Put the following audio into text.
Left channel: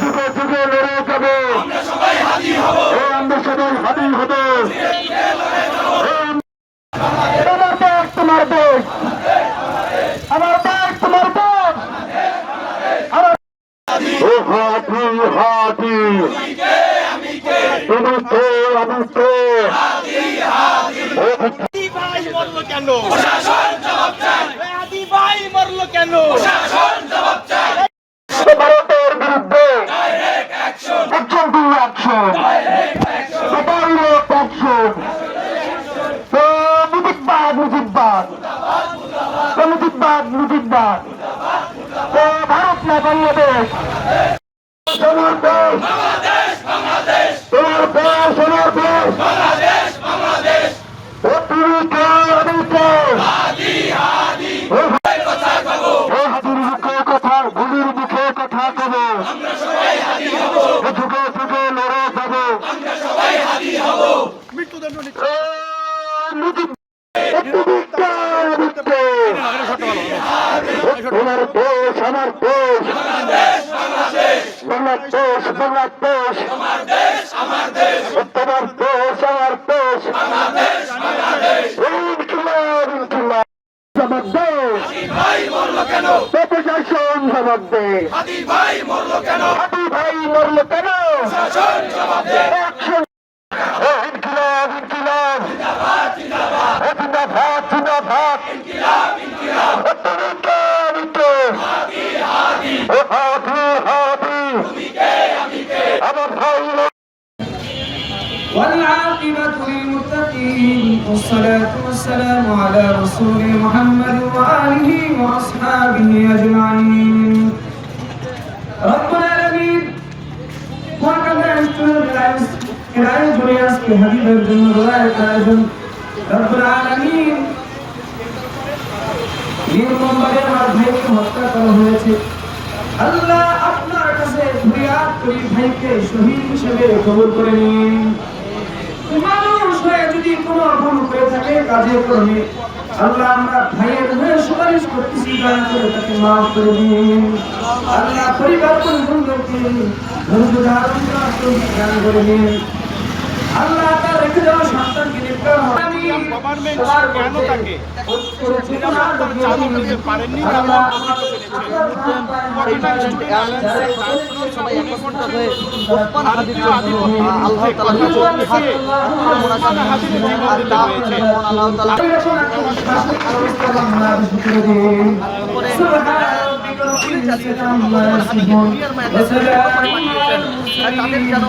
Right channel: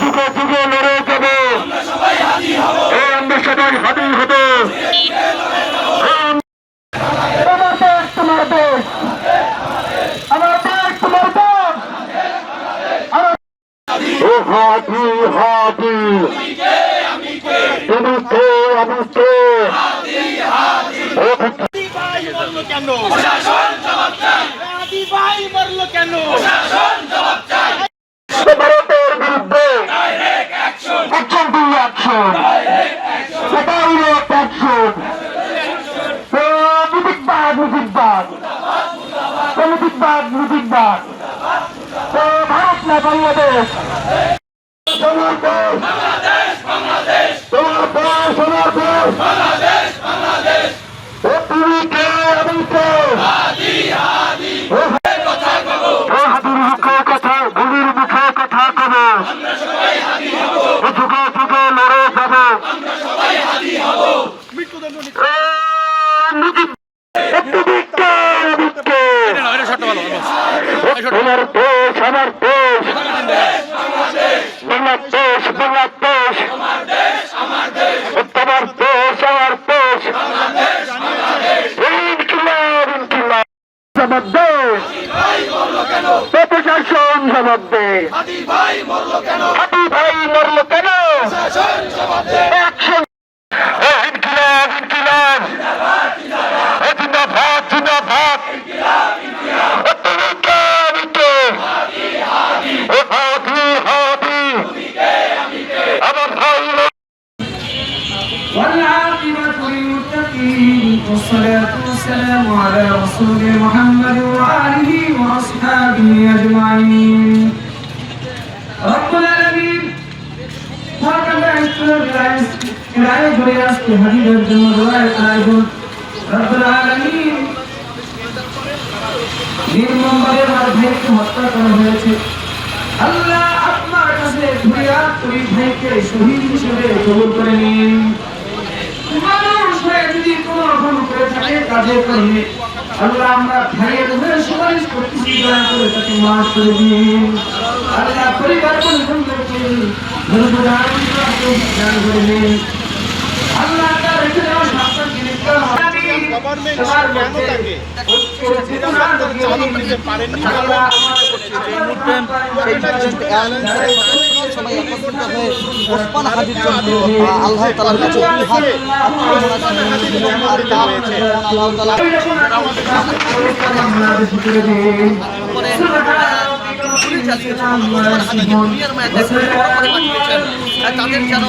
যুগে যুগে লড়ে যাবো, আমরা সবাই হাজির হব। তোমার দেশ তোমার দেশ, আমার দেশ তোমার দেশ। ও হাতি হাতি, তুমি কে আমি কে। ভাই মরলো কেন? প্রশাসন জবাব চায়। আদি ভাই মরলো কেন? প্রশাসন জবাব চায়। ভারতের বিরুদ্ধে direct action, action to action, direct action, direct action. মুজিববাদ মুজিববাদ, মুজিববাদ মুজিববাদ। ভারত না বাংলাদেশ, তোমার দেশ বাংলাদেশ, তোমার দেশ, আমার দেশ। বাংলাদেশ, বাংলাদেশ। ও তুমি কে আমি কে। হাদি হাদি কথা কব, হাতির মুখে কথা, গুলির মুখে কথা কব। আমরা সবাই হাদি হব, যুগে যুগে লড়ে যাব। আমরা সবাই হাদি হব। তোমার দেশ আমার দেশ, বাংলাদেশ বাংলাদেশ। আমার দেশ, আমার দেশ, তোমার দেশ আমার দেশ। বাংলাদেশ, বাংলাদেশ। ইনকিলাব ইনকিলাব জবাব দে। ভাই মরলো কেন? প্রশাসন জবাব দে। হাদি ভাই মরলো কেন? হাতি ভাই মরলো কেন? প্রশাসন জবাব দে। অ্যাকশন। ইনকিলাব ইনকিলাব জিন্দাবাদ, জিন্দাবাদ, জিন্দাবাদ জিন্দাবাদ। ইনকিলাব, ইনকিলাব। তুমি কে আমি কে। হাদি হাদি, ও হাতি হাতি, তুমি কে আমি কে। আমার ভাই। والعاقبة للمتقين والصلاة والسلام على رسول محمد وآله وأصحابه أجمعين. رب العالمين وكما يشكر العيش برياس في حديث الجنود والآيون. رب العالمين নির্মমভাবে আমার ভাইকে হত্যা করা হয়েছে। আল্লাহ আপনার কাছে ফরিয়াদ করি, ভাইকে শহীদ হিসেবে কবুল করে নিন। মানুষ হয়ে যদি কোনো ভুল করে থাকে কাজে করলে আল্লাহ আমরা ভাইয়ের হয়ে সুপারিশ করতেছি, দয়া করে তাকে মাফ করে দিন। আল্লাহ পরিবার পরিজনদেরকে ধৈর্য ধারণ দান করে দিন। আল্লাহ তার রেখে দেওয়া সন্তানকে নির্ধার আমি তোমার মধ্যে চেতনা ঢুকিয়ে দিন। আল্লাহ তাদের যেন